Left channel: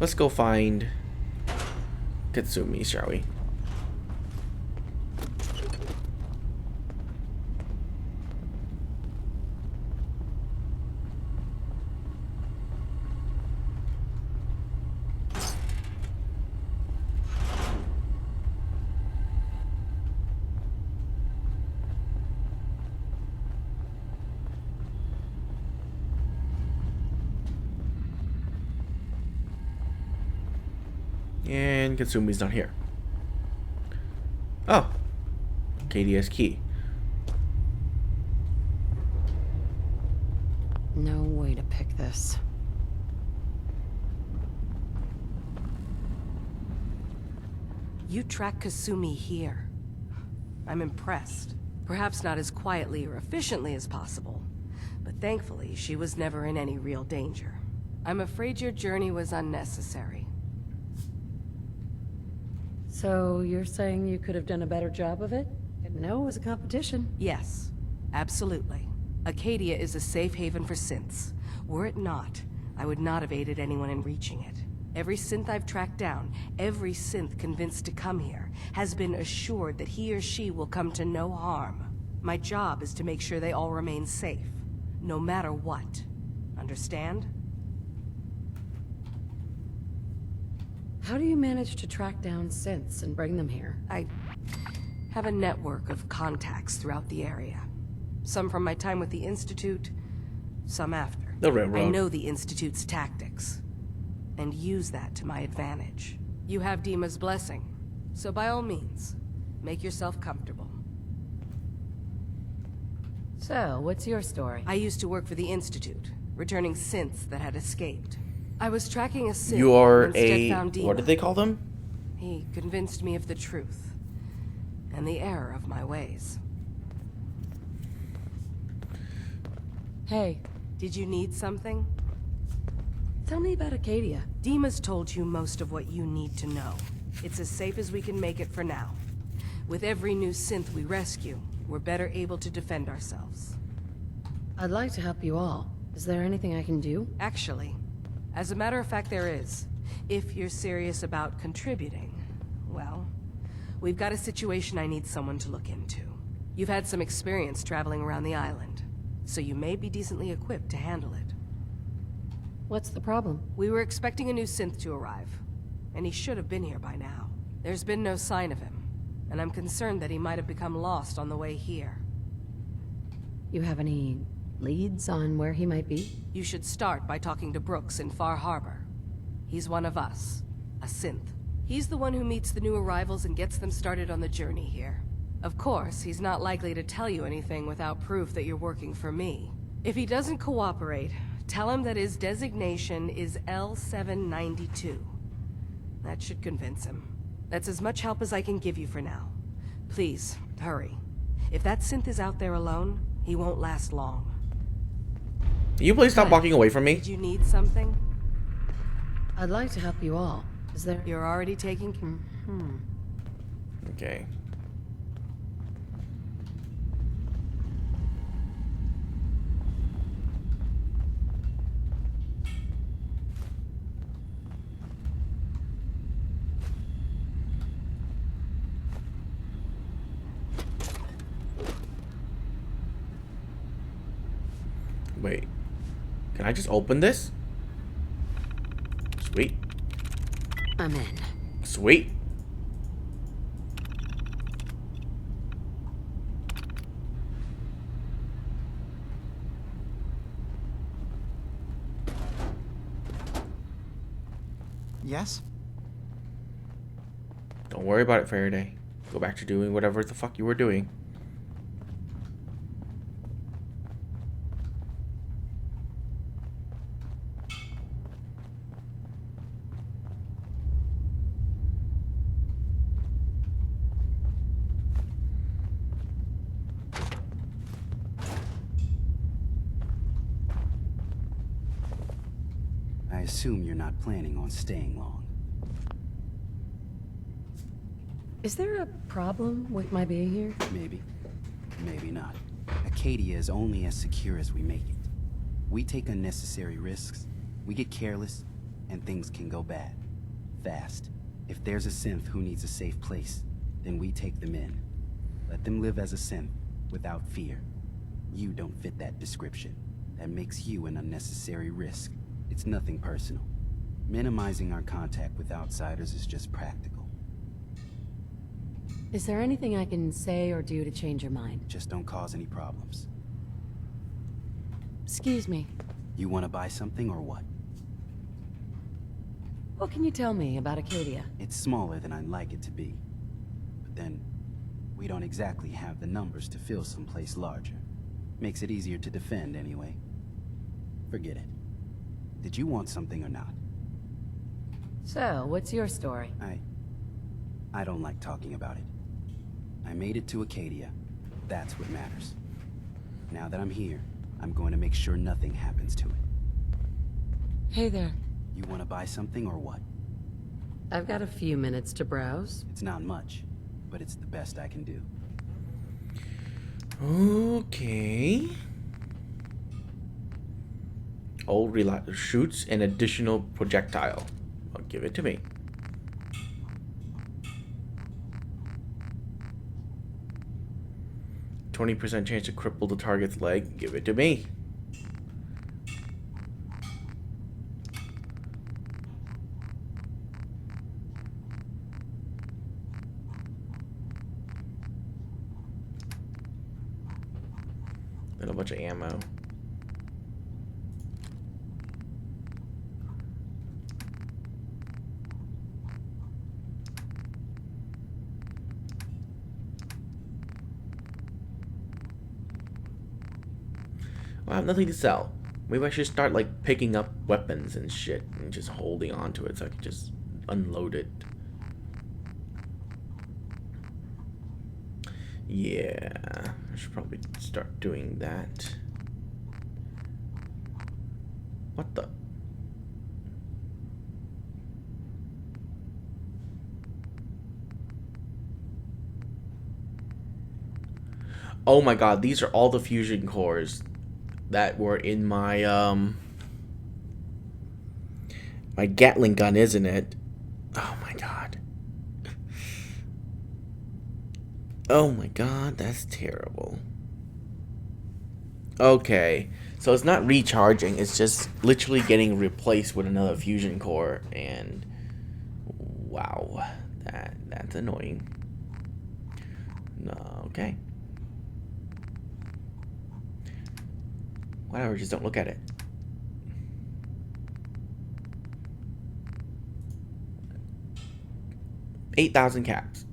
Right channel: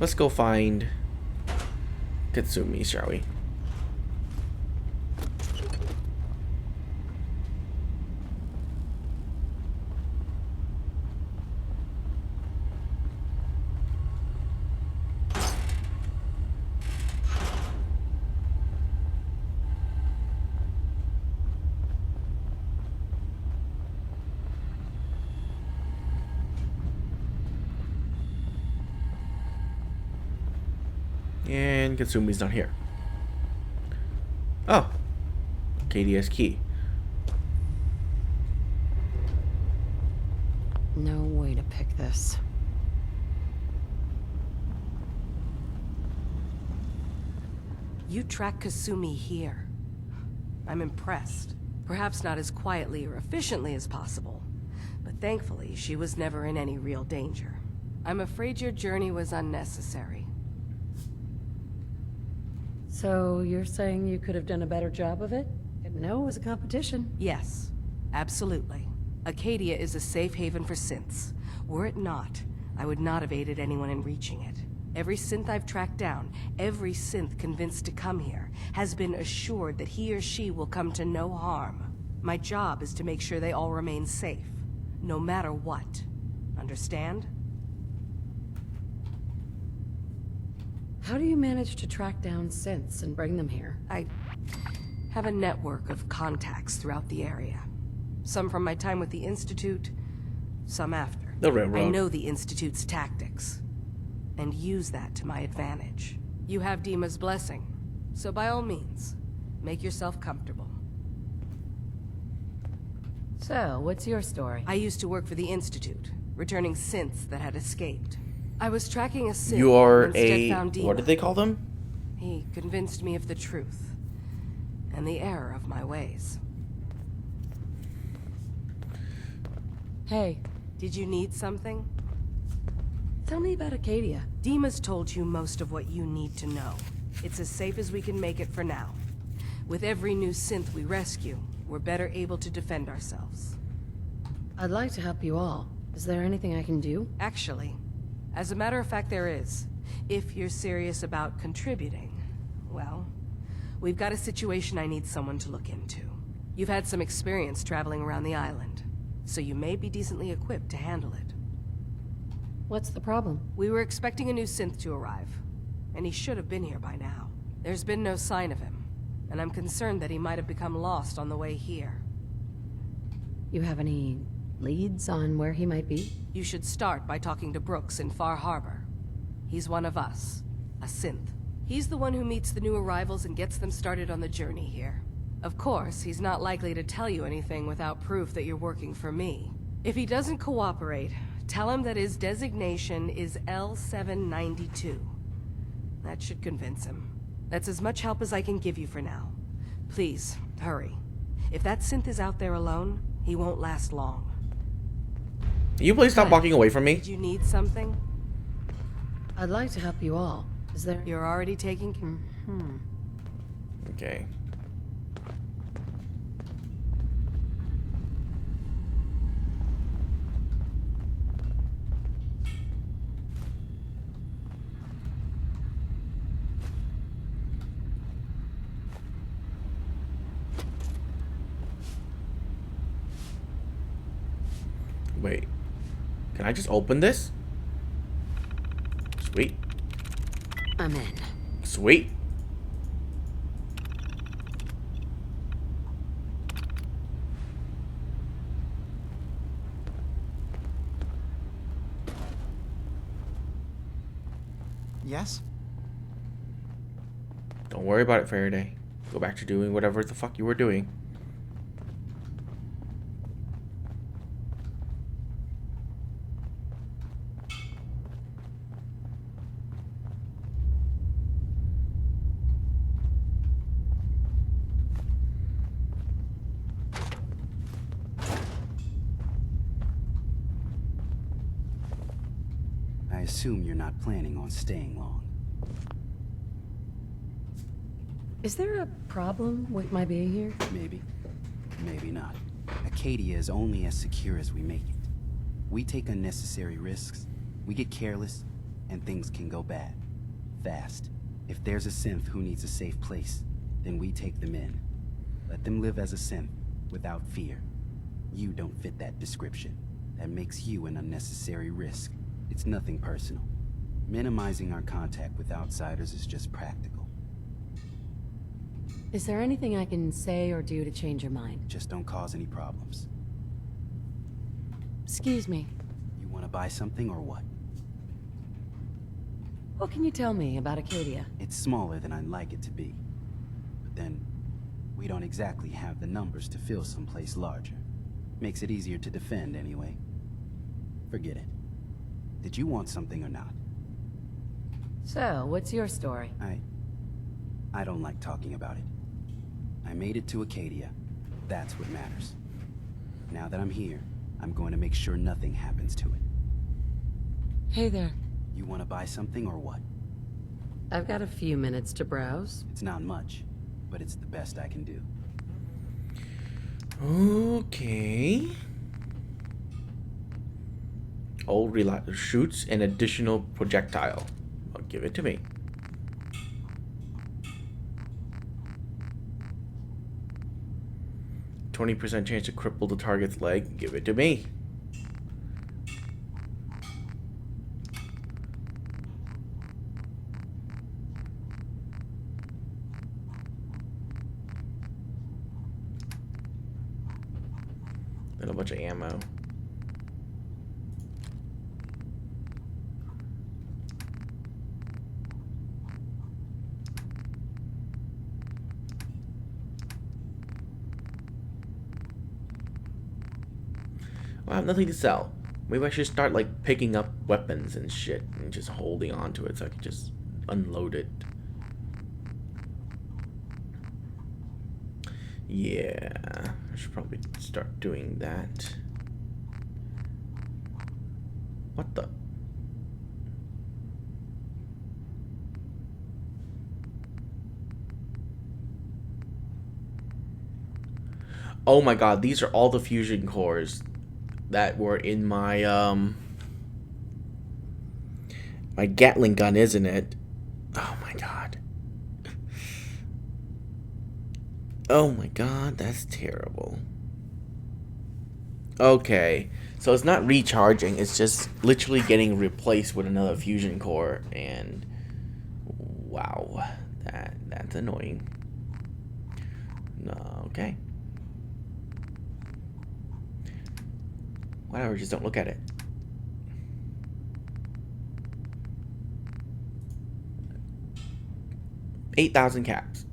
Let's go find Katsumi, shall we? And Katsumi's not here. Oh, KDS key. No way to pick this. You track Katsumi here. I'm impressed. Perhaps not as quietly or efficiently as possible, but thankfully she was never in any real danger. I'm afraid your journey was unnecessary. So you're saying you could have done a better job of it? Didn't know it was a competition. Yes, absolutely. Acadia is a safe haven for synths. Were it not, I would not have aided anyone in reaching it. Every synth I've tracked down, every synth convinced to come here, has been assured that he or she will come to no harm. My job is to make sure they all remain safe, no matter what. Understand? How do you manage to track down synths and bring them here? I have a network of contacts throughout the area. Some from my time with the Institute, some after. The railroad. I know the Institute's tactics, and use that to my advantage. You have Dima's blessing, so by all means, make yourself comfortable. So, what's your story? I used to work for the Institute, returning synths that had escaped. I was tracking a synth You are when Stead a... found Dima. What did they call them? He convinced me of the truth, and the error of my ways. Hey, Did you need something? tell me about Acadia. Dima's told you most of what you need to know. It's as safe as we can make it for now. With every new synth we rescue, we're better able to defend ourselves. I'd like to help you all. Is there anything I can do? Actually, as a matter of fact, there is. If you're serious about contributing, well, we've got a situation I need someone to look into. You've had some experience traveling around the island, so you may be decently equipped to handle it. What's the problem? We were expecting a new synth to arrive, and he should have been here by now. There's been no sign of him, and I'm concerned that he might have become lost on the way here. You have any leads on where he might be? You should start by talking to Brooks in Far Harbor. He's one of us, a synth. He's the one who meets the new arrivals and gets them started on the journey here. Of course, he's not likely to tell you anything without proof that you're working for me. If he doesn't cooperate, tell him that his designation is L792. That should convince him. That's as much help as I can give you for now. Please, hurry. If that synth is out there alone, he won't last long. You please stop walking away from me? Did you need something? I'd like to help you all. Is there... You're already taking care. Okay. Wait. Can I just open this? Sweet. I'm in. Sweet. Yes? Don't worry about it, Faraday. Go back to doing whatever the fuck you were doing. I assume you're not planning on staying long. Is there a problem with my being here? Maybe. Maybe not. Acadia is only as secure as we make it. We take unnecessary risks, we get careless, and things can go bad. Fast. If there's a synth who needs a safe place, then we take them in. Let them live as a synth, without fear. You don't fit that description. That makes you an unnecessary risk. It's nothing personal. Minimizing our contact with outsiders is just practical. Is there anything I can say or do to change your mind? Just don't cause any problems. Excuse me. You want to buy something or what? What can you tell me about Acadia? It's smaller than I'd like it to be. But then, we don't exactly have the numbers to fill someplace larger. Makes it easier to defend anyway. Forget it. Did you want something or not? So, what's your story? I don't like talking about it. I made it to Acadia. That's what matters. Now that I'm here, I'm going to make sure nothing happens to it. Hey there. You want to buy something or what? I've got a few minutes to browse. It's not much, but it's the best I can do. Okay. Old shoots an additional projectile. Well, give it to me. %20 chance to cripple the target's leg. Give it to me. And a bunch of ammo. I have nothing to sell. Maybe I should start like picking up weapons and shit and just holding on to it so I can just unload it. Yeah, I should probably start doing that. What the? Oh my god, these are all the fusion cores that were in my my Gatling gun, isn't it? Oh my god. Oh my god, that's terrible. Okay, so it's not recharging, it's just literally getting replaced with another fusion core, and wow, that's annoying. No, okay. Whatever, just don't look at it. $8,000 caps.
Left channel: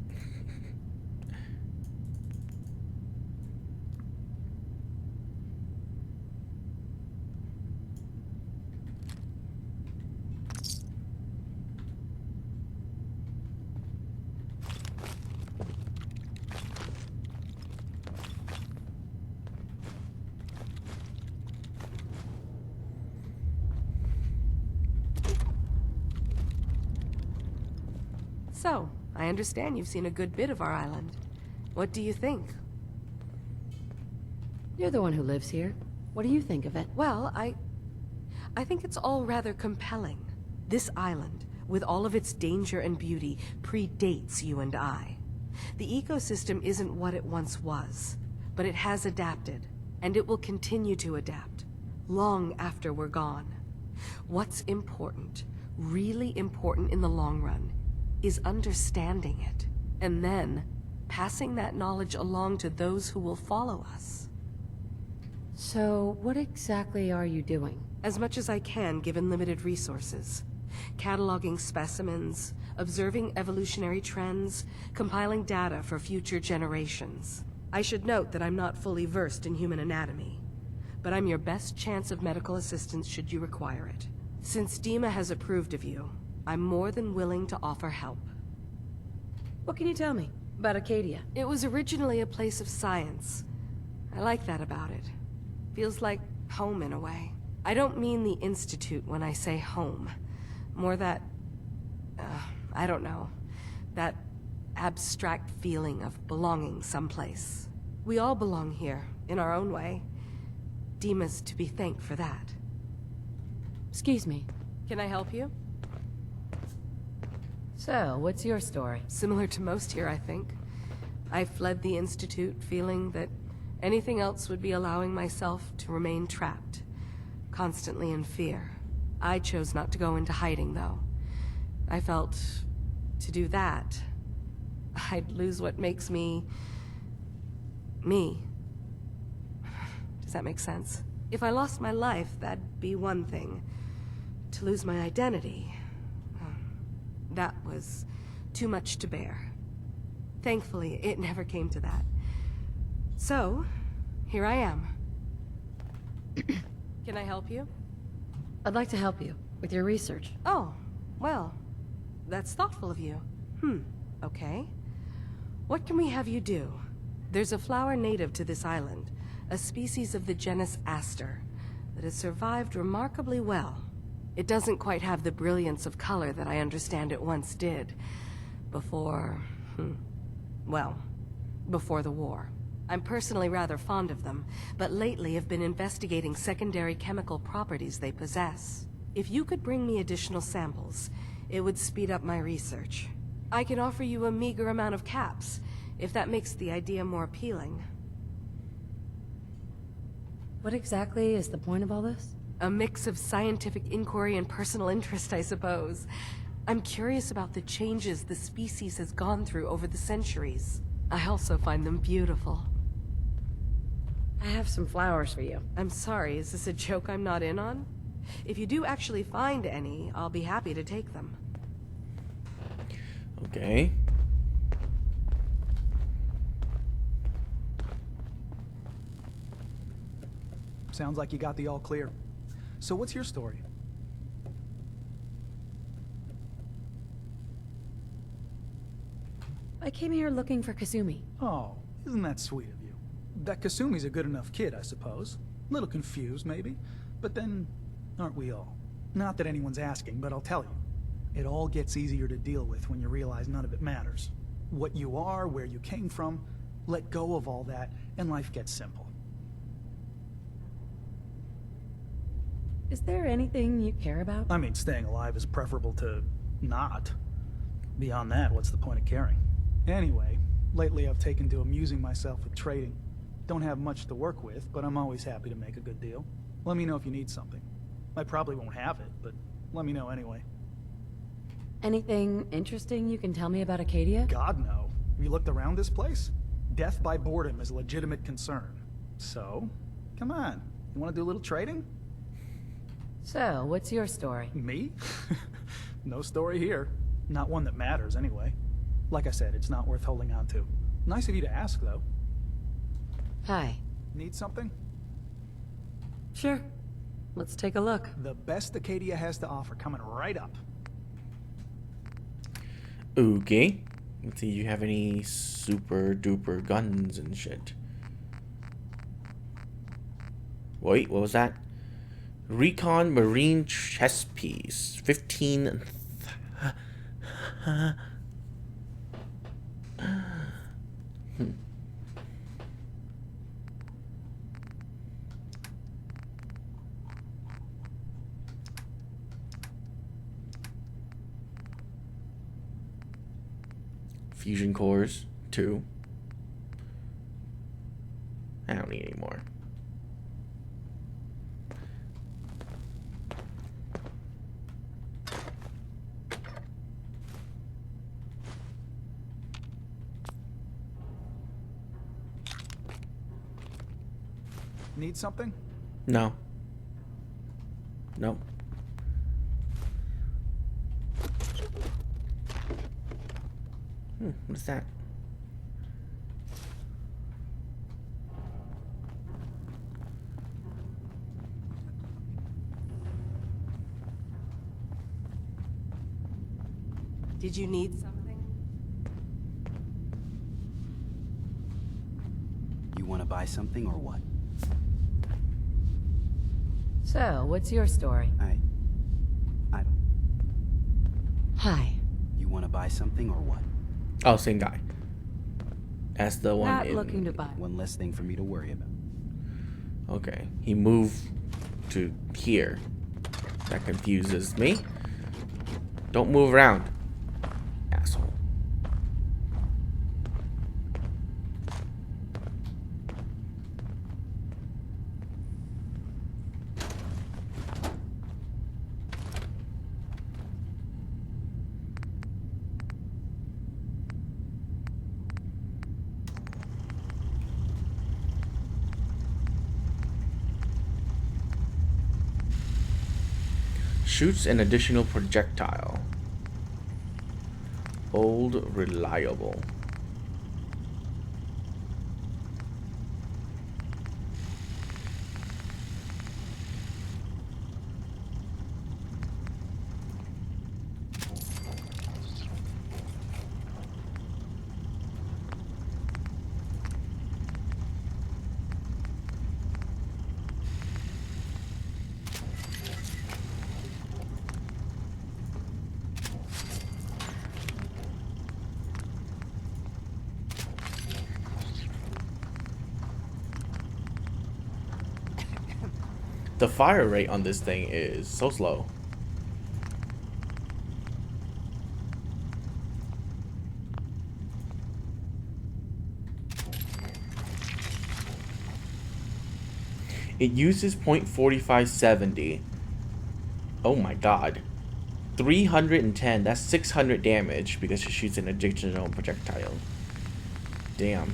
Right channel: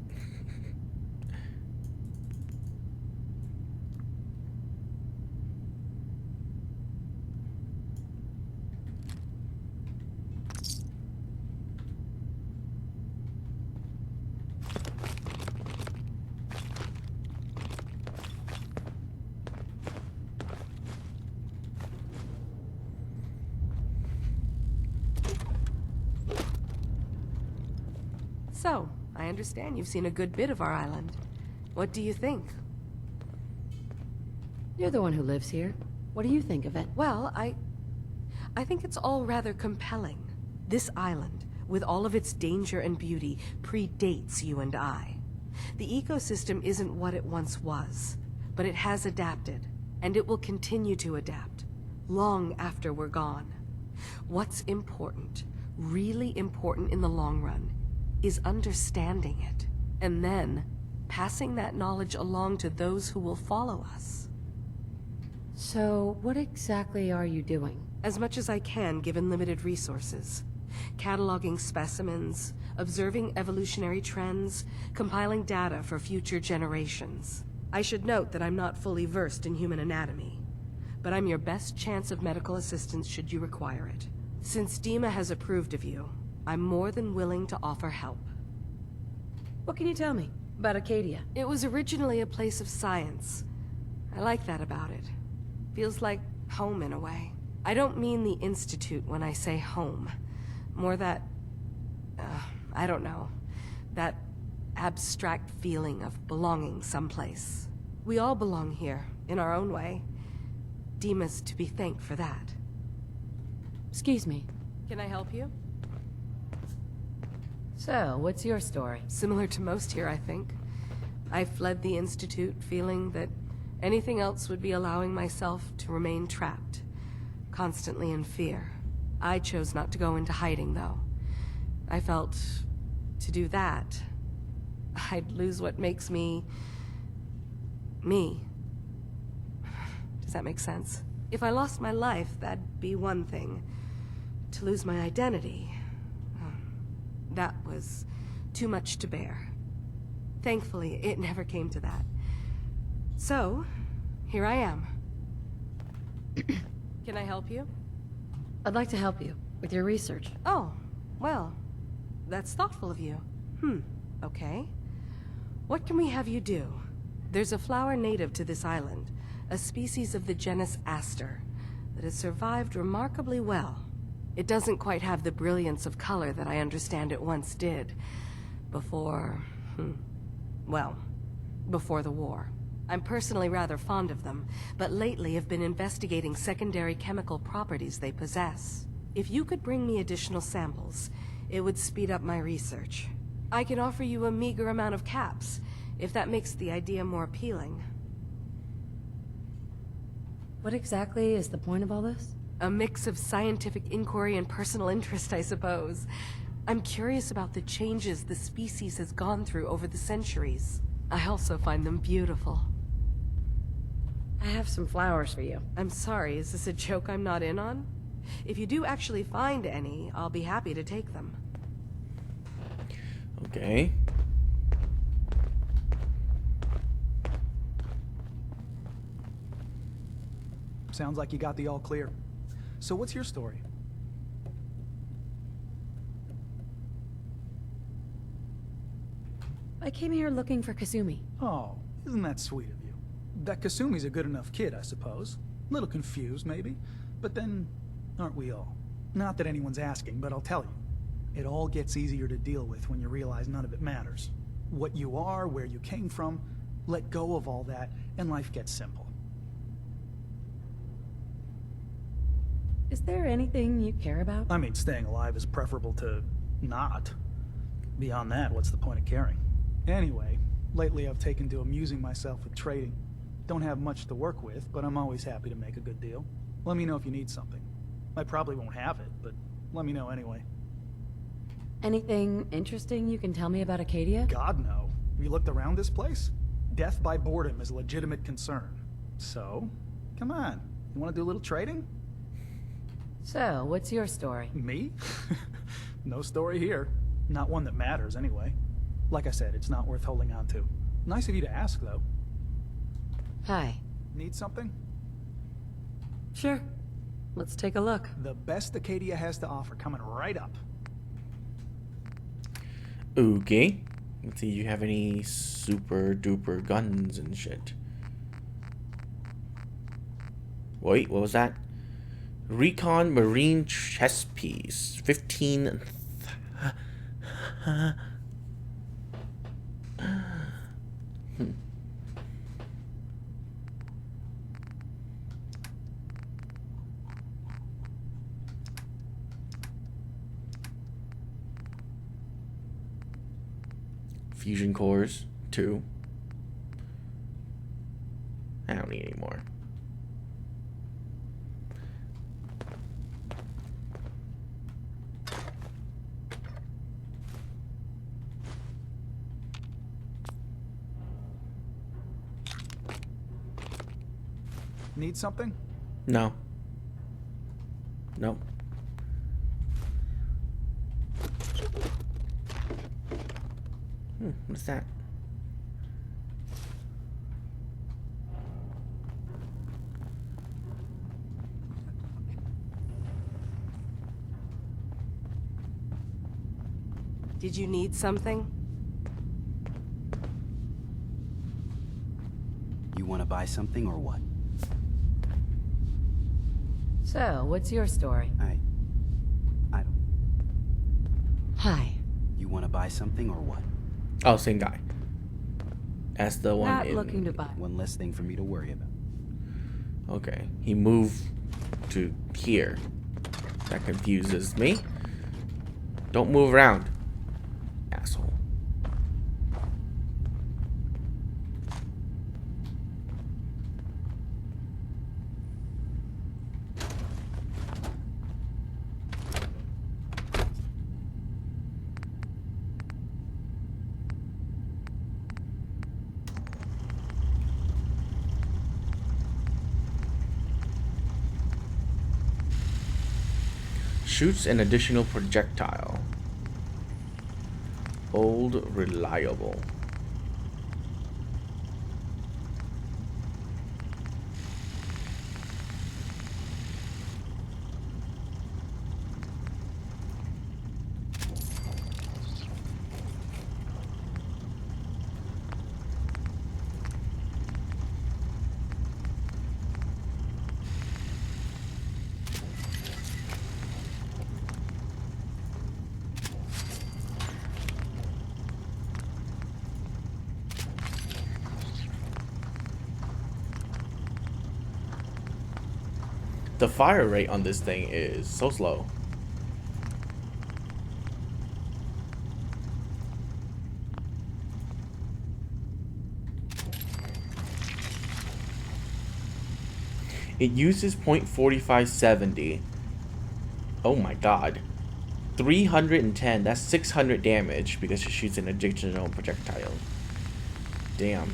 So, I understand you've seen a good bit of our island. What do you think? You're the one who lives here. What do you think of it? Well, I think it's all rather compelling. This island, with all of its danger and beauty, predates you and I. The ecosystem isn't what it once was, but it has adapted, and it will continue to adapt, long after we're gone. What's important, really important in the long run, is understanding it, and then passing that knowledge along to those who will follow us. So, what exactly are you doing? As much as I can, given limited resources. Cataloging specimens, observing evolutionary trends, compiling data for future generations. I should note that I'm not fully versed in human anatomy, but I'm your best chance of medical assistance should you require it. Since Dima has approved of you, I'm more than willing to offer help. What can you tell me about Acadia? It was originally a place of science. I like that about it. Feels like home in a way. I don't mean the Institute when I say home. More that, I don't know, that abstract feeling of belonging someplace. We all belong here, in our own way. Dima's to be thanked for that. Excuse me. Can I help you? So, what's your story? Similar to most here, I think. I fled the Institute feeling that anything else would be allowing myself to remain trapped, constantly in fear. I chose not to go into hiding, though. I felt to do that, I'd lose what makes me... me. Does that make sense? If I lost my life, that'd be one thing. To lose my identity, that was too much to bear. Thankfully, it never came to that. So, here I am. Can I help you? I'd like to help you with your research. Oh, well, that's thoughtful of you. Okay. What can we have you do? There's a flower native to this island, a species of the genus Aster, that has survived remarkably well. It doesn't quite have the brilliance of color that I understand it once did. Before... well, before the war. I'm personally rather fond of them, but lately have been investigating secondary chemical properties they possess. If you could bring me additional samples, it would speed up my research. I can offer you a meager amount of caps, if that makes the idea more appealing. What exactly is the point of all this? A mix of scientific inquiry and personal interest, I suppose. I'm curious about the changes the species has gone through over the centuries. I also find them beautiful. I have some flowers for you. I'm sorry, is this a joke I'm not in on? If you do actually find any, I'll be happy to take them. Okay. Sounds like you got the all clear. So what's your story? I came here looking for Katsumi. Oh, isn't that sweet of you? That Kasumi's a good enough kid, I suppose. Little confused, maybe. But then, aren't we all? Not that anyone's asking, but I'll tell you. It all gets easier to deal with when you realize none of it matters. What you are, where you came from, let go of all that, and life gets simple. Is there anything you care about? I mean, staying alive is preferable to not. Beyond that, what's the point of caring? Anyway, lately I've taken to amusing myself with trading. Don't have much to work with, but I'm always happy to make a good deal. Let me know if you need something. I probably won't have it, but let me know anyway. Anything interesting you can tell me about Acadia? God, no. Have you looked around this place? Death by boredom is a legitimate concern. So, come on. You want to do a little trading? So, what's your story? Me? No story here. Not one that matters, anyway. Like I said, it's not worth holding on to. Nice of you to ask, though. Hi. Need something? Sure. Let's take a look. The best Acadia has to offer, coming right up. Okay. Let's see, you have any super duper guns and shit? Wait, what was that? Recon Marine chess piece. 15. Fusion cores, 2. I don't need any more. Need something? No. Nope. What's that? Did you need something? You want to buy something or what? So, what's your story? I don't... Hi. You want to buy something or what? Oh, same guy. That's the one Not in... looking to buy. One less thing for me to worry about. Okay. He moved to here. That confuses me. Don't move around. Shoots an additional projectile. Old reliable. The fire rate on this thing is so slow. It uses .4570. Oh my god. 310, that's 600 damage because it shoots an additional projectile. Damn.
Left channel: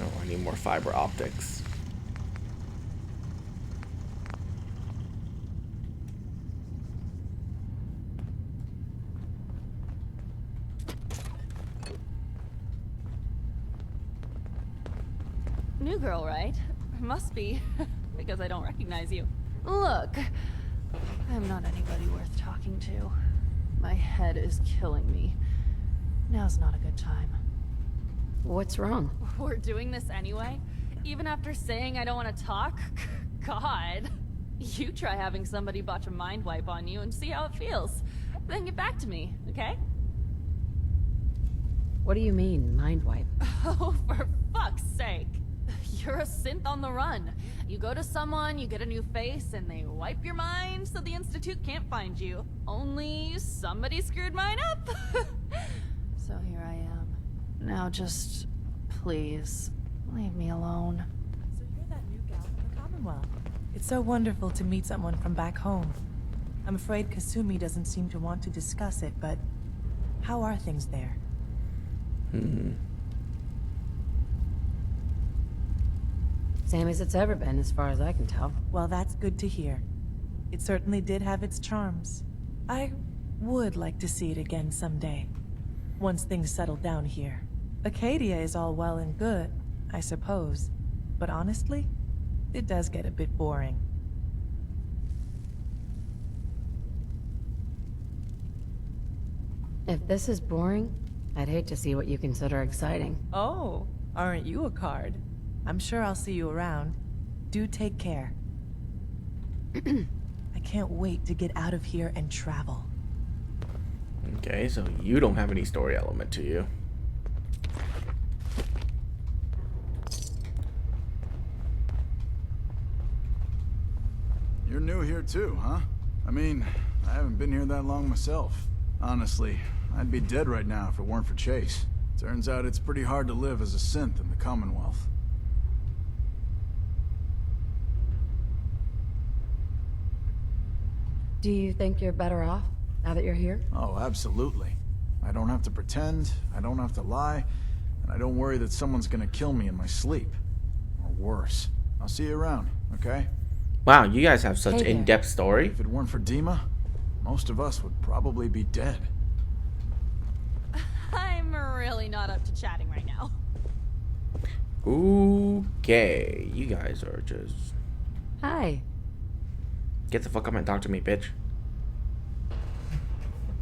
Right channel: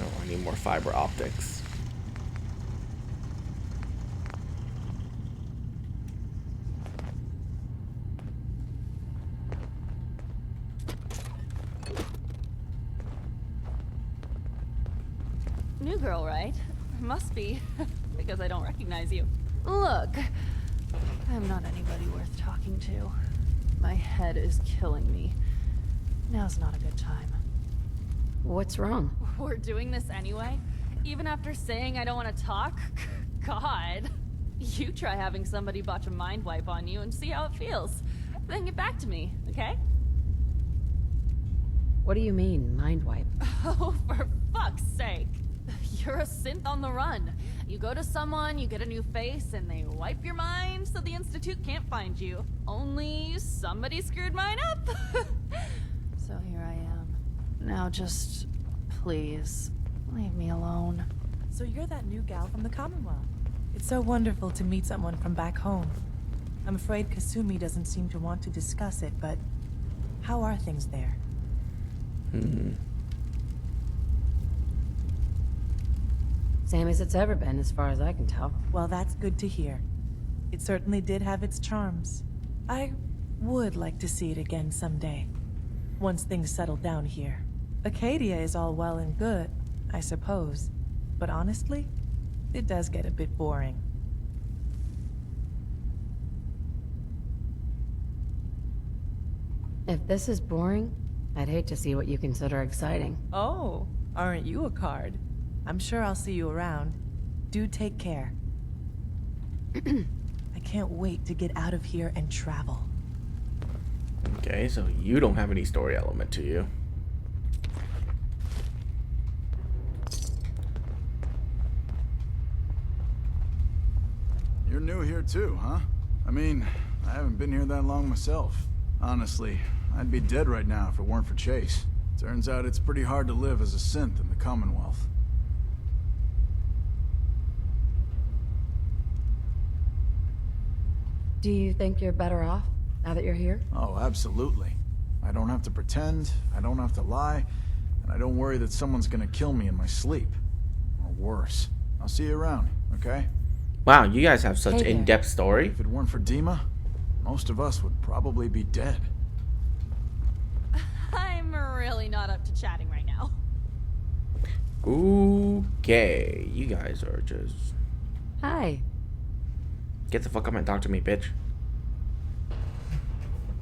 Oh, I need more fiber optics. New girl, right? Must be, because I don't recognize you. Look, I'm not anybody worth talking to. My head is killing me. Now's not a good time. What's wrong? We're doing this anyway? Even after saying I don't want to talk? God. You try having somebody botch a mind wipe on you and see how it feels. Then get back to me, okay? What do you mean, mind wipe? Oh, for fuck's sake. You're a synth on the run. You go to someone, you get a new face, and they wipe your mind so the Institute can't find you. Only somebody screwed mine up. So here I am. Now just, please, leave me alone. So you're that new gal from the Commonwealth. It's so wonderful to meet someone from back home. I'm afraid Katsumi doesn't seem to want to discuss it, but how are things there? Same as it's ever been, as far as I can tell. Well, that's good to hear. It certainly did have its charms. I would like to see it again someday, once things settle down here. Acadia is all well and good, I suppose, but honestly, it does get a bit boring. If this is boring, I'd hate to see what you consider exciting. Oh, aren't you a card? I'm sure I'll see you around. Do take care. I can't wait to get out of here and travel. Okay, so you don't have any story element to you. You're new here too, huh? I mean, I haven't been here that long myself. Honestly, I'd be dead right now if it weren't for Chase. Turns out it's pretty hard to live as a synth in the Commonwealth. Do you think you're better off now that you're here? Oh, absolutely. I don't have to pretend, I don't have to lie, and I don't worry that someone's gonna kill me in my sleep. Or worse. I'll see you around, okay? Wow, you guys have such Hey there. in-depth story. If it weren't for Dima, most of us would probably be dead. I'm really not up to chatting right now. Okay, you guys are just... Hi. Get the fuck up and talk to me, bitch.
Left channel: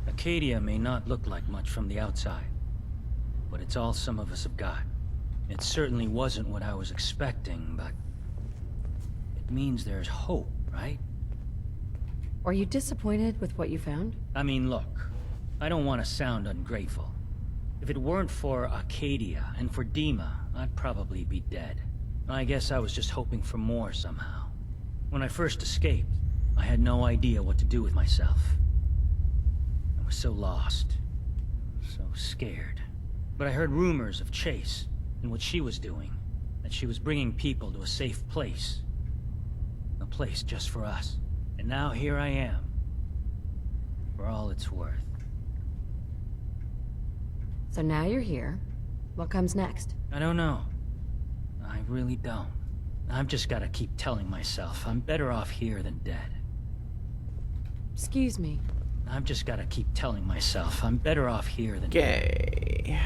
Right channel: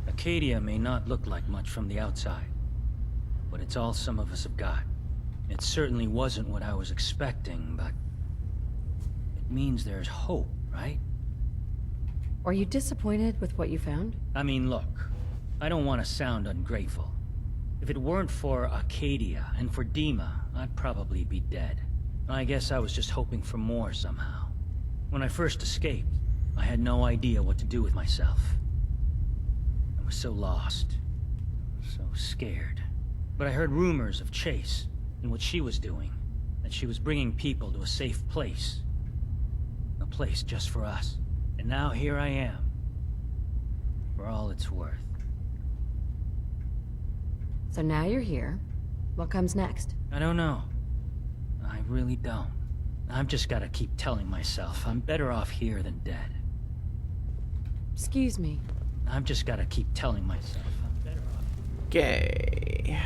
Acadia may not look like much from the outside, but it's all some of us have got. It certainly wasn't what I was expecting, but it means there's hope, right? Are you disappointed with what you found? I mean, look, I don't want to sound ungrateful. If it weren't for Acadia and for Dima, I'd probably be dead. I guess I was just hoping for more somehow. When I first escaped, I had no idea what to do with myself. I was so lost, so scared. But I heard rumors of Chase and what she was doing, that she was bringing people to a safe place. A place just for us. And now here I am. for all it's worth. So now you're here. What comes next? I don't know. I really don't. I've just gotta keep telling myself I'm better off here than dead. Excuse me. I've just gotta keep telling myself I'm better off here than Okay.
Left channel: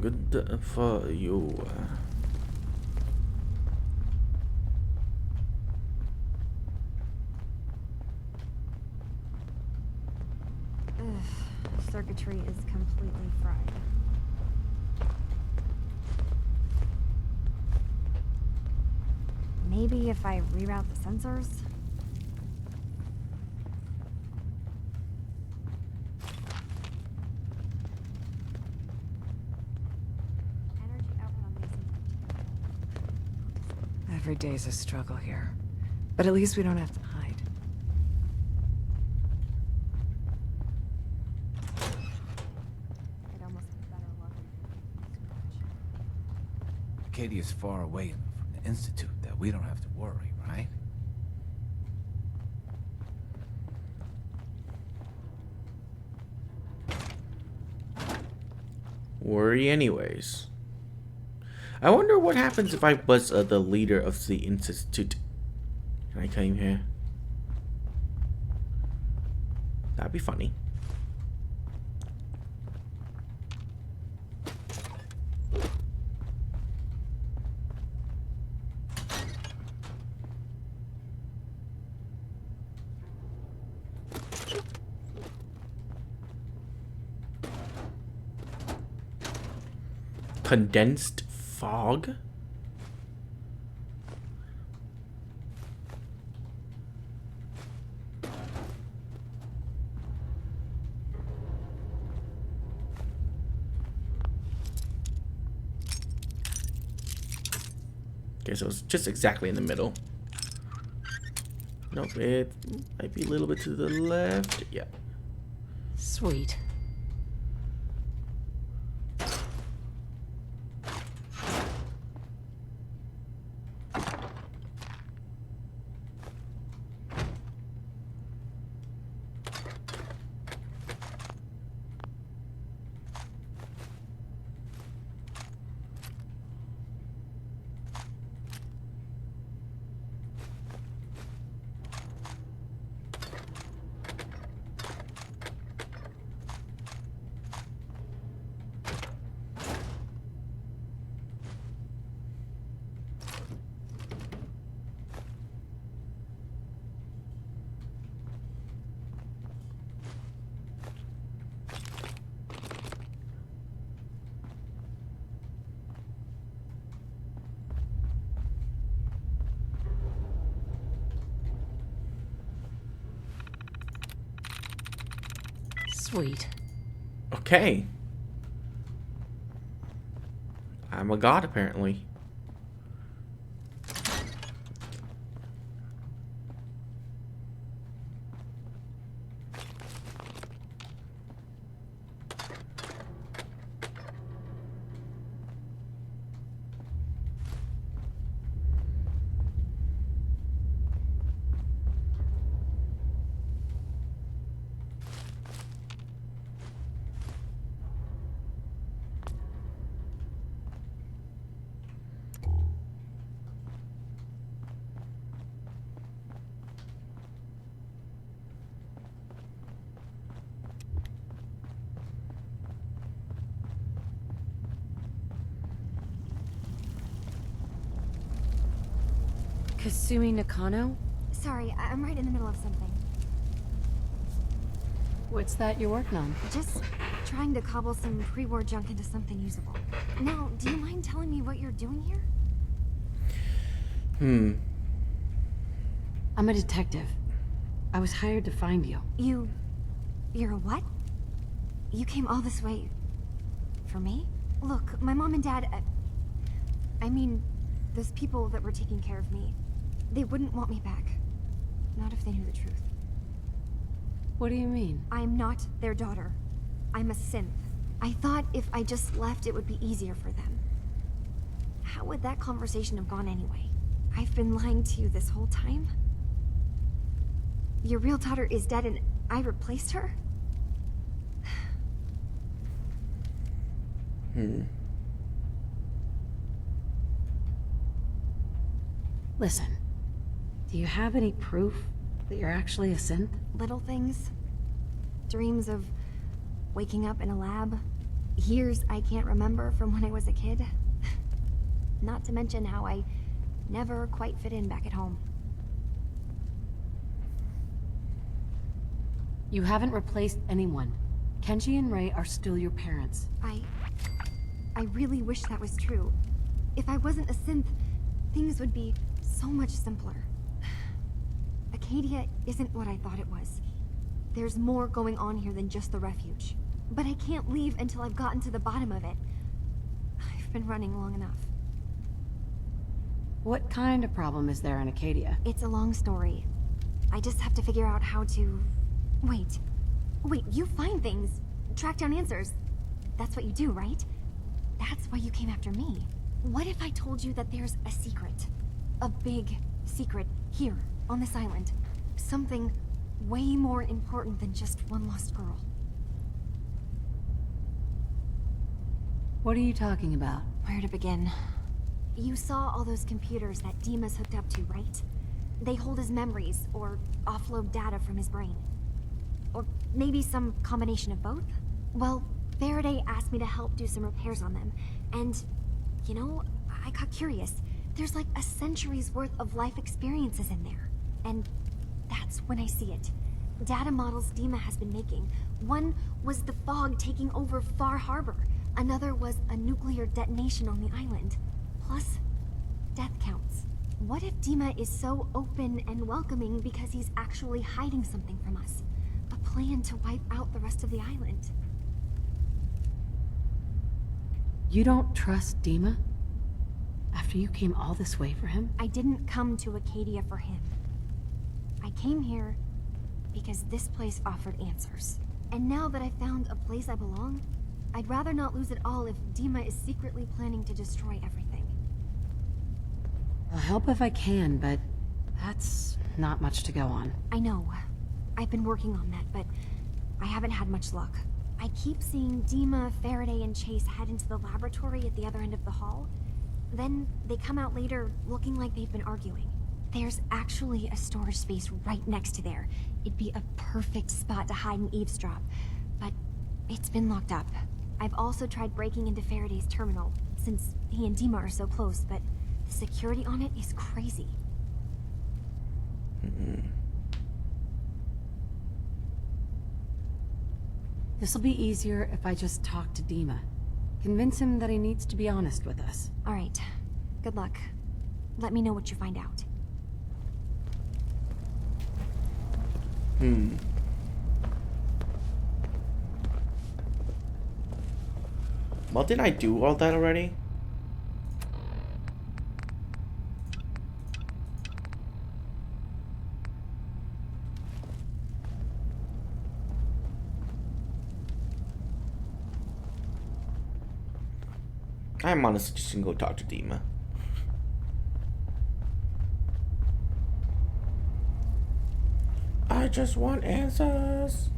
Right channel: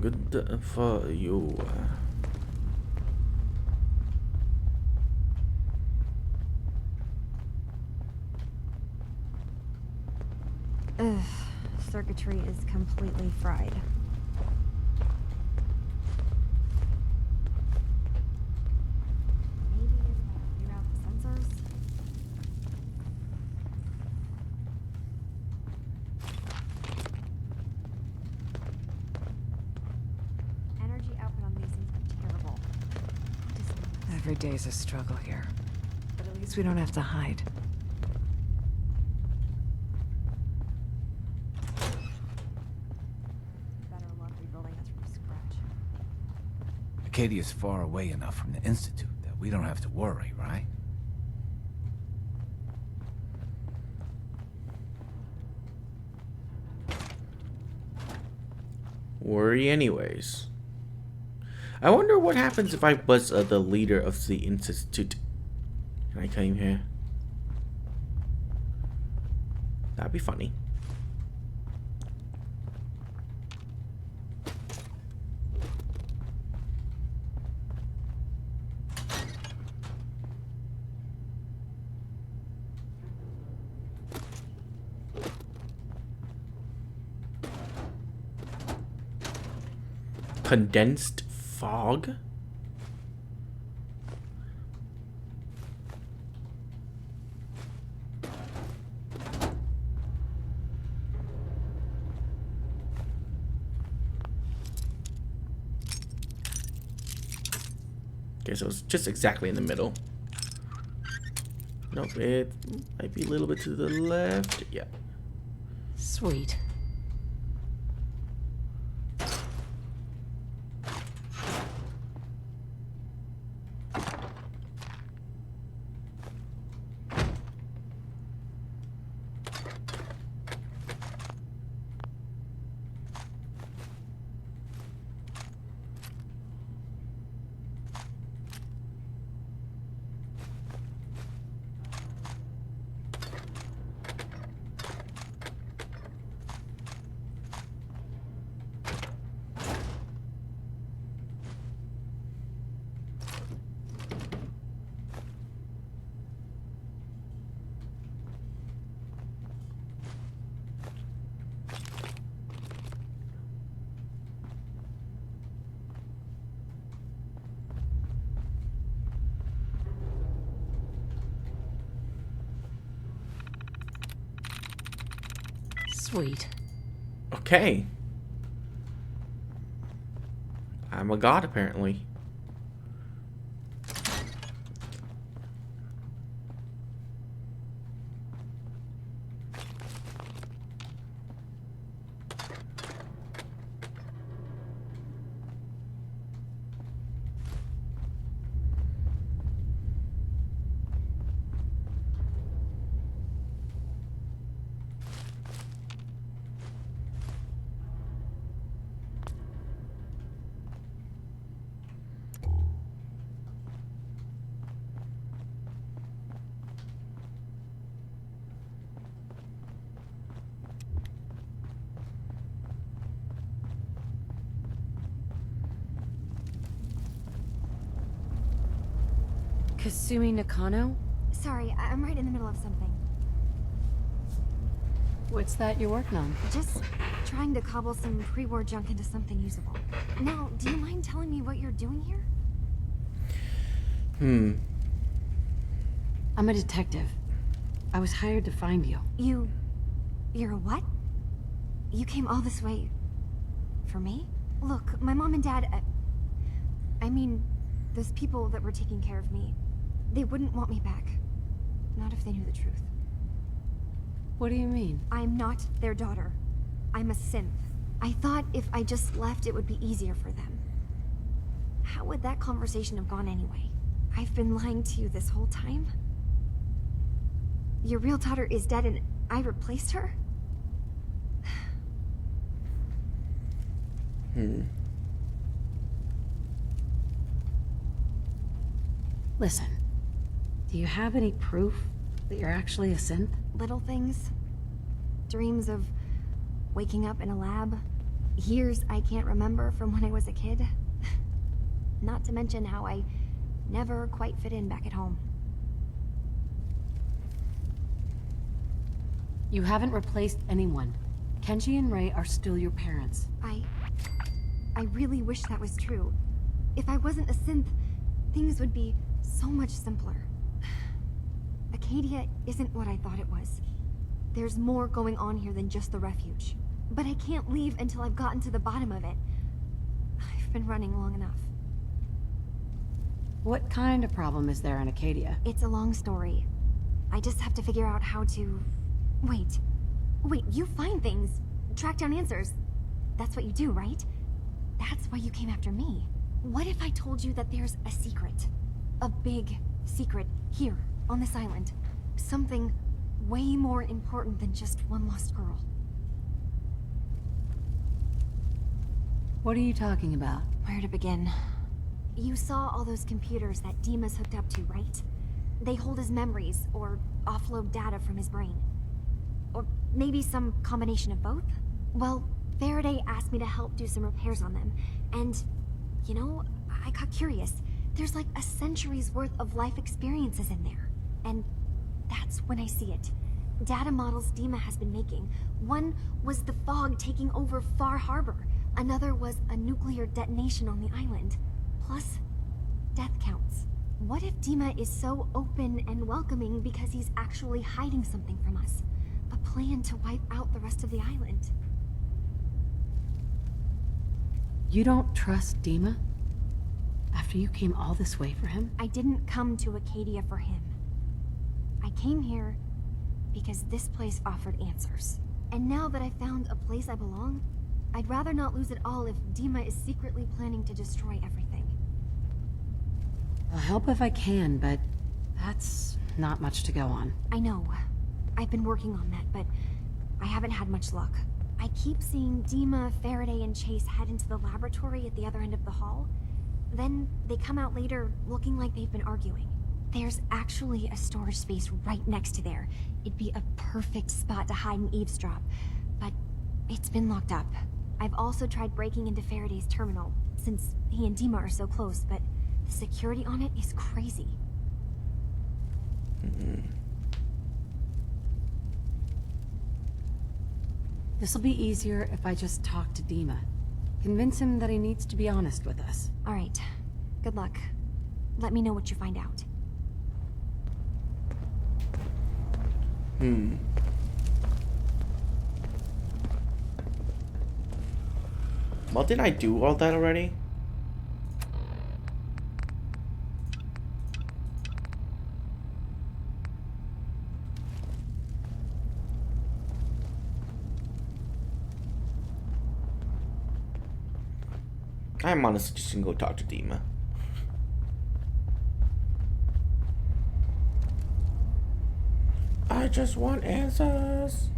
Good for you. Ugh, circuitry is completely fried. Maybe if I reroute the sensors? Energy output on these things are terrible. Every day's a struggle here. But at least we don't have to hide. I'd almost be better luck rebuilding it from scratch. Acadia's far away enough from the Institute that we don't have to worry, right? Worry anyways. I wonder what happens if I was the leader of the Institute and I came here. That'd be funny. Condensed fog? Okay, so it's just exactly in the middle. Nope, it might be a little bit to the left. Yeah. Sweet. Sweet. Okay. I'm a god, apparently. Katsumi Nakano? Sorry, I'm right in the middle of something. What's that you're working on? Just trying to cobble some pre-war junk into something usable. Now, do you mind telling me what you're doing here? I'm a detective. I was hired to find you. You're a what? You came all this way... for me? Look, my mom and dad... I mean, those people that were taking care of me, they wouldn't want me back. Not if they knew the truth. What do you mean? I'm not their daughter. I'm a synth. I thought if I just left, it would be easier for them. How would that conversation have gone anyway? I've been lying to you this whole time? your real daughter is dead and I replaced her? Listen, do you have any proof that you're actually a synth? Little things. Dreams of waking up in a lab. Years I can't remember from when I was a kid. Not to mention how I never quite fit in back at home. You haven't replaced anyone. Kenji and Ray are still your parents. I really wish that was true. If I wasn't a synth, things would be so much simpler. Acadia isn't what I thought it was. There's more going on here than just the refuge. But I can't leave until I've gotten to the bottom of it. I've been running long enough. What kind of problem is there in Acadia? It's a long story. I just have to figure out how to... Wait, you find things, track down answers. That's what you do, right? That's why you came after me. What if I told you that there's a secret? A big secret here, on this island. Something way more important than just one lost girl. What are you talking about? Where to begin? You saw all those computers that Dima's hooked up to, right? They hold his memories, or offload data from his brain. Or maybe some combination of both? Well, Faraday asked me to help do some repairs on them, and, you know, I got curious. There's like a century's worth of life experiences in there. And that's when I see it. Data models Dima has been making. One was the fog taking over Far Harbor. Another was a nuclear detonation on the island. Plus, death counts. What if Dima is so open and welcoming because he's actually hiding something from us? A plan to wipe out the rest of the island. You don't trust Dima? After you came all this way for him? I didn't come to Acadia for him. I came here because this place offered answers. And now that I found a place I belong, I'd rather not lose it all if Dima is secretly planning to destroy everything. I'll help if I can, but that's not much to go on. I know. I've been working on that, but I haven't had much luck. I keep seeing Dima, Faraday, and Chase head into the laboratory at the other end of the hall. Then they come out later looking like they've been arguing. There's actually a storage space right next to there. It'd be a perfect spot to hide and eavesdrop, but it's been locked up. I've also tried breaking into Faraday's terminal, since he and Dima are so close, but the security on it is crazy. This'll be easier if I just talk to Dima. Convince him that he needs to be honest with us. All right. Good luck. Let me know what you find out. Well, didn't I do all that already? I'm honestly just gonna go talk to Dima. I just want answers.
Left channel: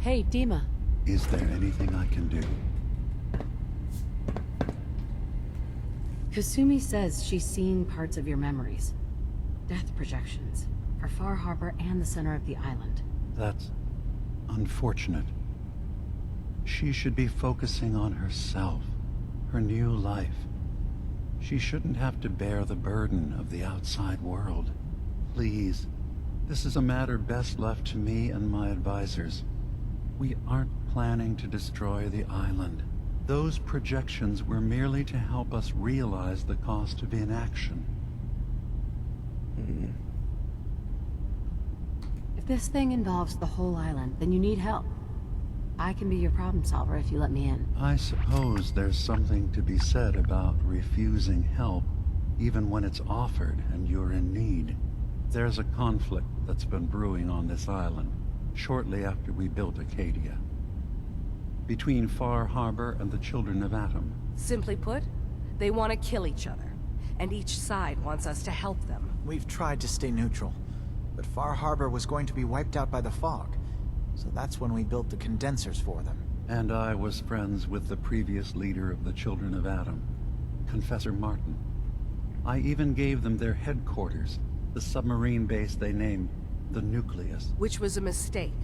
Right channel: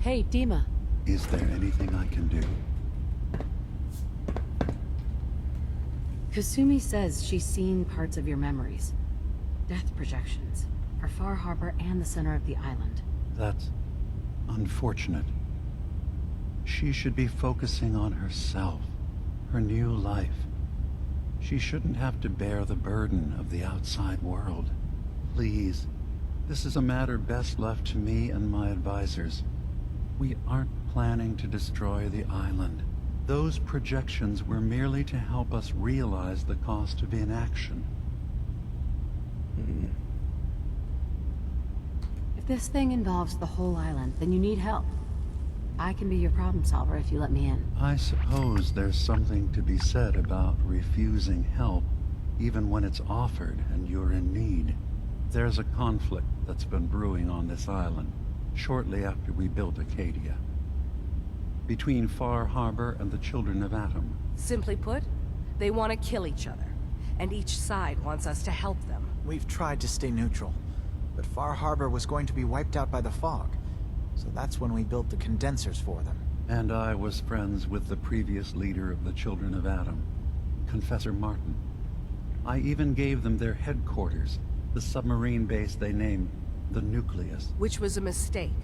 Hey, Dima. Is there anything I can do? Katsumi says she's seen parts of your memories. Death projections. For Far Harbor and the center of the island. That's unfortunate. She should be focusing on herself, her new life. She shouldn't have to bear the burden of the outside world. Please, this is a matter best left to me and my advisors. We aren't planning to destroy the island. Those projections were merely to help us realize the cost of inaction. If this thing involves the whole island, then you need help. I can be your problem solver if you let me in. I suppose there's something to be said about refusing help, even when it's offered and you're in need. There's a conflict that's been brewing on this island shortly after we built Acadia. Between Far Harbor and the Children of Atom. Simply put, they want to kill each other, and each side wants us to help them. We've tried to stay neutral, but Far Harbor was going to be wiped out by the fog, so that's when we built the condensers for them. And I was friends with the previous leader of the Children of Atom, Confessor Martin. I even gave them their headquarters, the submarine base they named the Nucleus. Which was a mistake,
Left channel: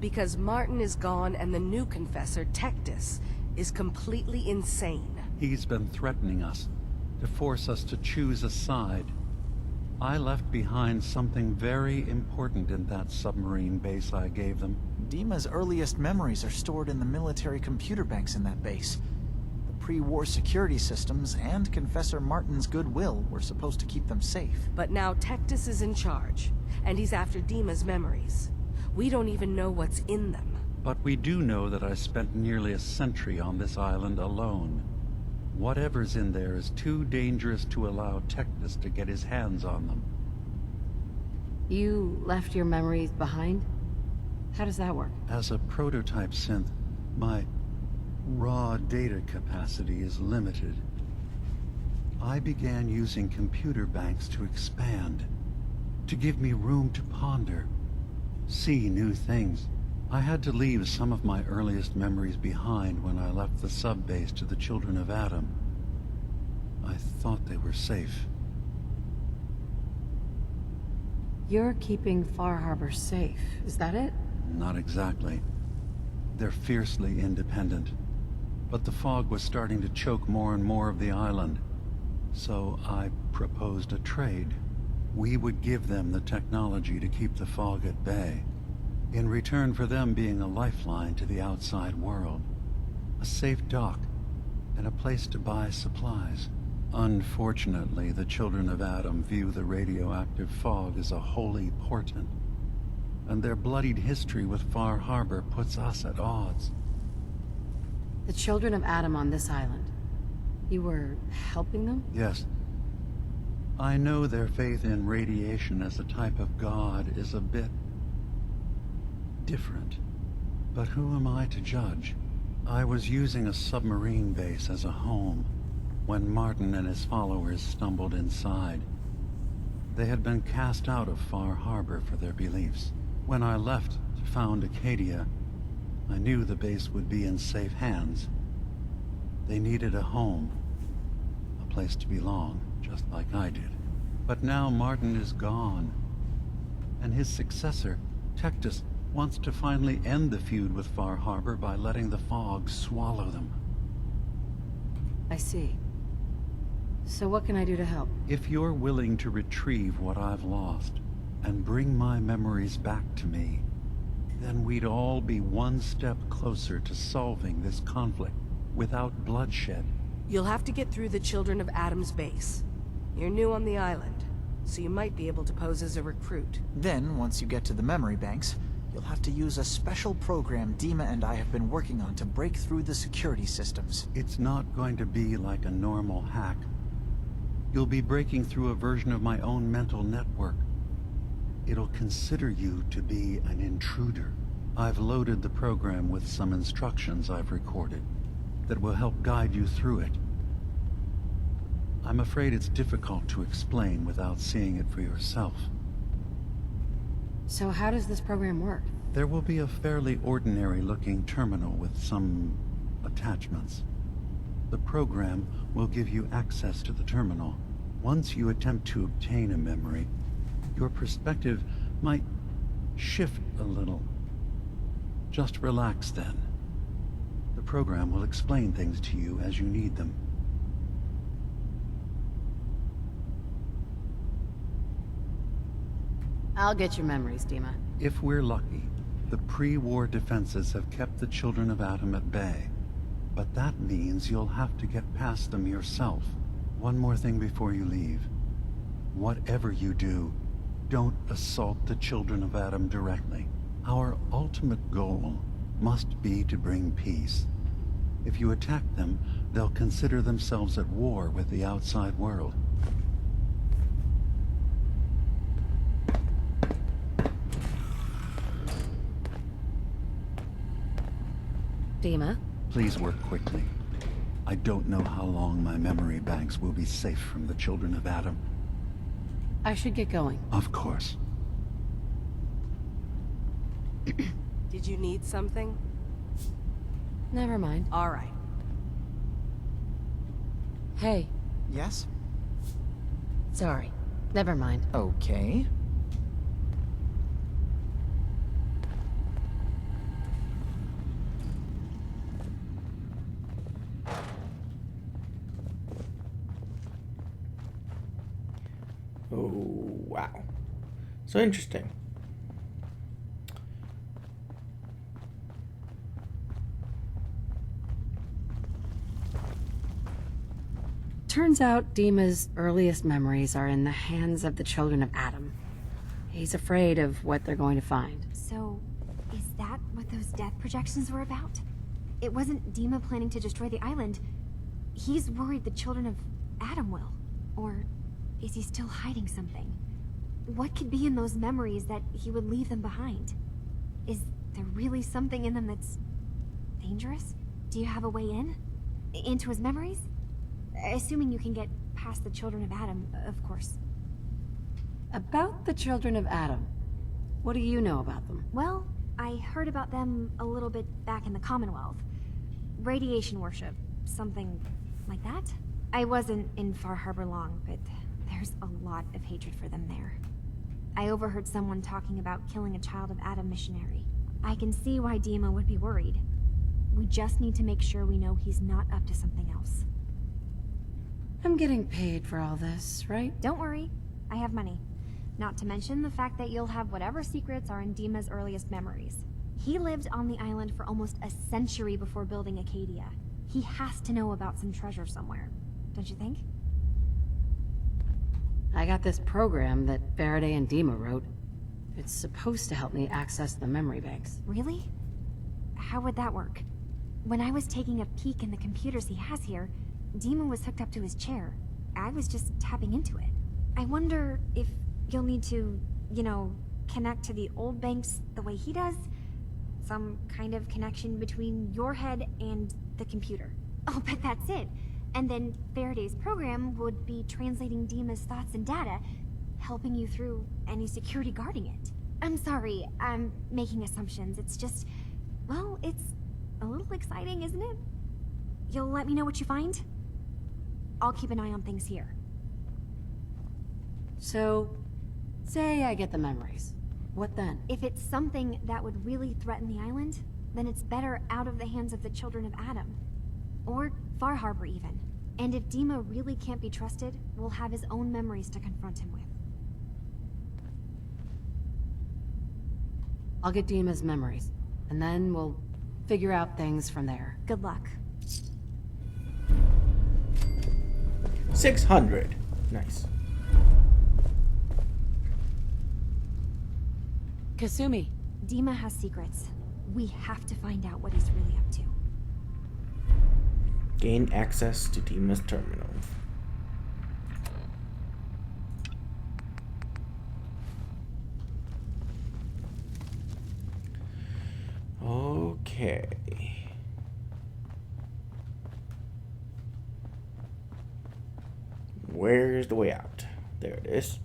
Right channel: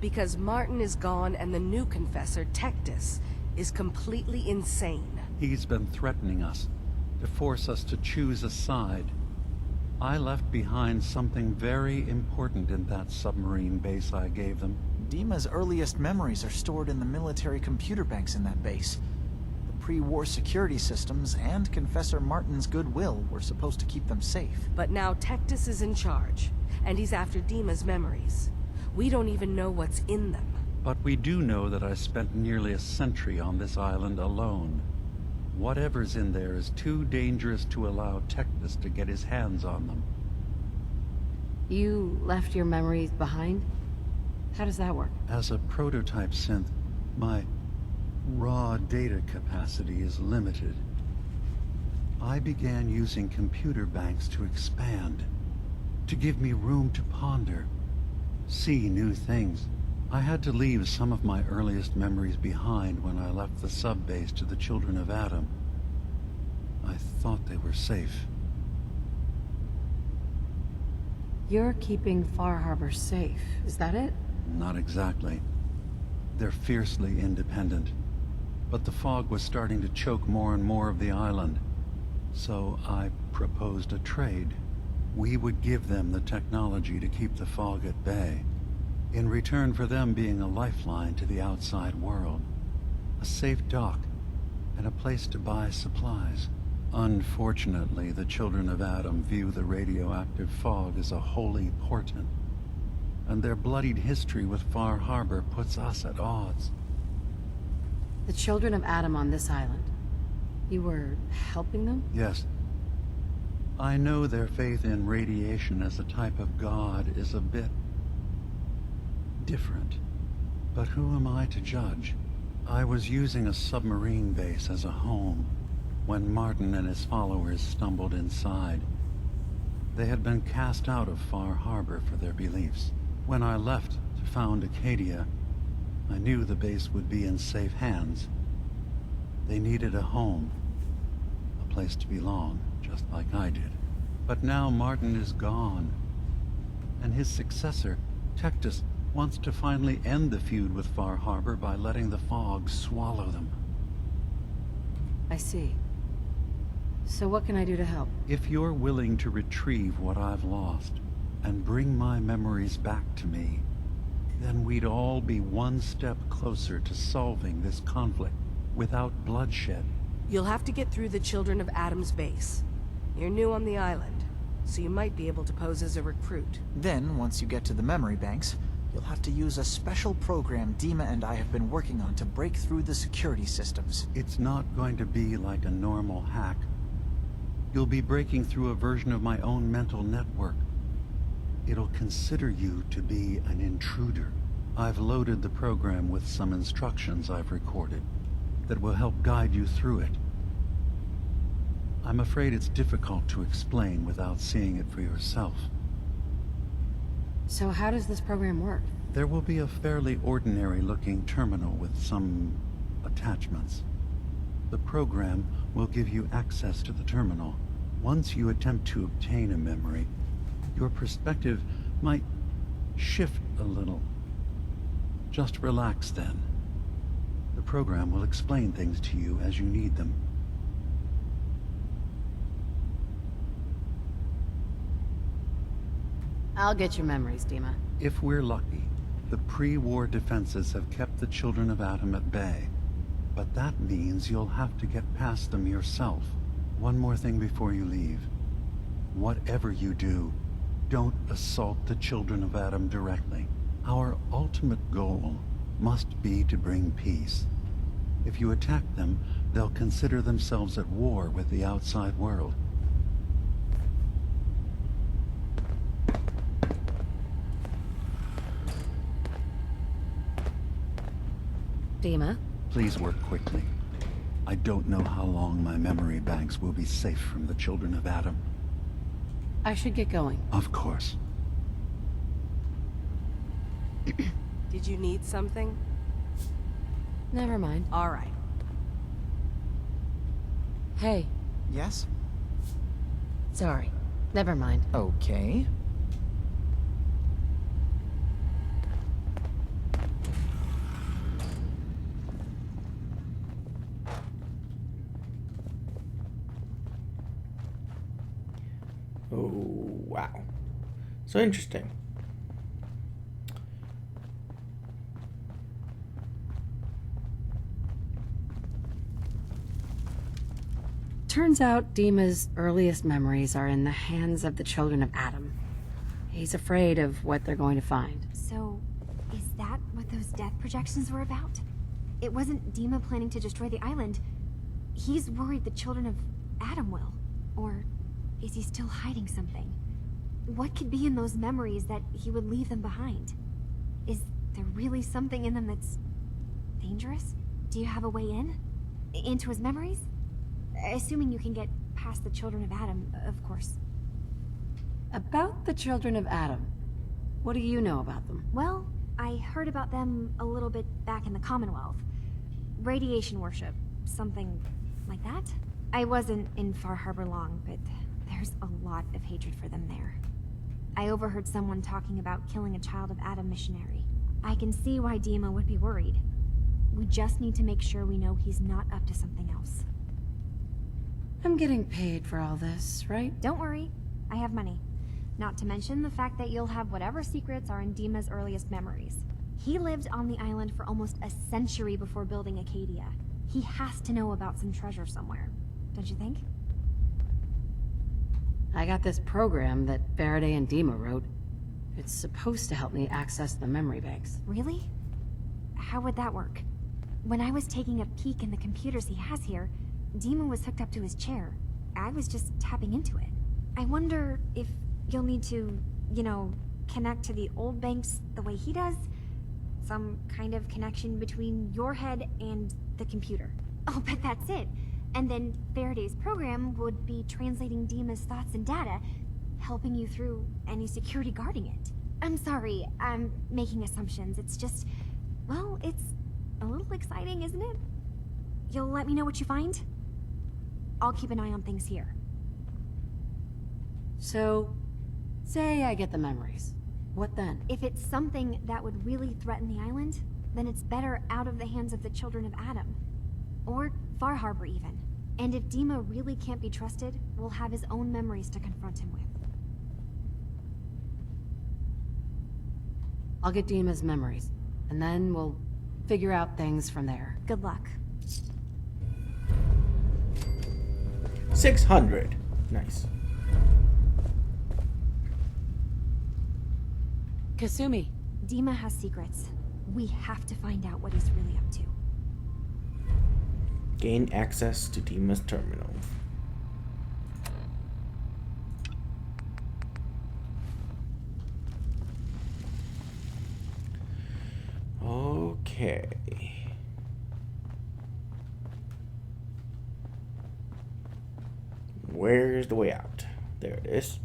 because Martin is gone and the new Confessor, Tectus, is completely insane. He's been threatening us, to force us to choose a side. I left behind something very important in that submarine base I gave them. Dima's earliest memories are stored in the military computer banks in that base. The pre-war security systems and Confessor Martin's goodwill were supposed to keep them safe. But now Tectus is in charge, and he's after Dima's memories. We don't even know what's in them. But we do know that I spent nearly a century on this island alone. Whatever's in there is too dangerous to allow Tectus to get his hands on them. You left your memories behind? How does that work? As a prototype synth, my raw data capacity is limited. I began using computer banks to expand, to give me room to ponder, see new things. I had to leave some of my earliest memories behind when I left the sub-base to the Children of Atom. I thought they were safe. You're keeping Far Harbor safe, is that it? Not exactly. They're fiercely independent. But the fog was starting to choke more and more of the island. So I proposed a trade. We would give them the technology to keep the fog at bay, in return for them being a lifeline to the outside world, a safe dock, and a place to buy supplies. Unfortunately, the Children of Atom view the radioactive fog as a holy portent, and their bloodied history with Far Harbor puts us at odds. The Children of Atom on this island. You were helping them? Yes. I know their faith in radiation as a type of god is a bit different, but who am I to judge? I was using a submarine base as a home when Martin and his followers stumbled inside. They had been cast out of Far Harbor for their beliefs. When I left to found Acadia, I knew the base would be in safe hands. They needed a home, a place to belong, just like I did. But now Martin is gone, and his successor, Tectus, wants to finally end the feud with Far Harbor by letting the fog swallow them. I see. So what can I do to help? If you're willing to retrieve what I've lost and bring my memories back to me, then we'd all be one step closer to solving this conflict without bloodshed. You'll have to get through the Children of Atom's base. You're new on the island, so you might be able to pose as a recruit. Then, once you get to the memory banks, you'll have to use a special program Dima and I have been working on to break through the security systems. It's not going to be like a normal hack. You'll be breaking through a version of my own mental network. It'll consider you to be an intruder. I've loaded the program with some instructions I've recorded that will help guide you through it. I'm afraid it's difficult to explain without seeing it for yourself. So how does this program work? There will be a fairly ordinary-looking terminal with some attachments. The program will give you access to the terminal. Once you attempt to obtain a memory, your perspective might shift a little. Just relax then. The program will explain things to you as you need them. I'll get your memories, Dima. If we're lucky, the pre-war defenses have kept the Children of Atom at bay. But that means you'll have to get past them yourself. One more thing before you leave. Whatever you do, don't assault the Children of Atom directly. Our ultimate goal must be to bring peace. If you attack them, they'll consider themselves at war with the outside world. Dima? Please work quickly. I don't know how long my memory banks will be safe from the children of Adam. I should get going. Of course. Did you need something? Never mind. All right. Hey, Yes? sorry. Never mind. Okay. Oh, wow. So interesting. Turns out Dima's earliest memories are in the hands of the children of Adam. He's afraid of what they're going to find. So, is that what those death projections were about? It wasn't Dima planning to destroy the island. He's worried the children of Adam will. Or is he still hiding something? What could be in those memories that he would leave them behind? Is there really something in them that's dangerous? Do you have a way in? Into his memories? Assuming you can get past the children of Adam, of course. About the children of Adam, what do you know about them? Well, I heard about them a little bit back in the Commonwealth. Radiation worship, something like that. I wasn't in Far Harbor long, but there's a lot of hatred for them there. I overheard someone talking about killing a child of Adam missionary. I can see why Dima would be worried. We just need to make sure we know he's not up to something else. I'm getting paid for all this, right? Don't worry, I have money. Not to mention the fact that you'll have whatever secrets are in Dima's earliest memories. He lived on the island for almost a century before building Acadia. He has to know about some treasure somewhere, don't you think? I got this program that Faraday and Dima wrote. It's supposed to help me access the memory banks. Really? How would that work? When I was taking a peek in the computers he has here, Dima was hooked up to his chair. I was just tapping into it. I wonder if you'll need to, connect to the old banks the way he does? Some kind of connection between your head and the computer. I'll bet that's it. And then Faraday's program would be translating Dima's thoughts and data, helping you through any security guarding it. I'm sorry, I'm making assumptions. It's just, well, it's a little exciting, isn't it? You'll let me know what you find? I'll keep an eye on things here. So, say I get the memories. What then? If it's something that would really threaten the island, then it's better out of the hands of the children of Adam. Or Far Harbor, even. And if Dima really can't be trusted, we'll have his own memories to confront him with. I'll get Dima's memories, and then we'll figure out things from there. Good luck. 600. Nice. Katsumi. Dima has secrets. We have to find out what he's really up to. Gain access to Dima's terminal. Okay. Where's the way out? There it is.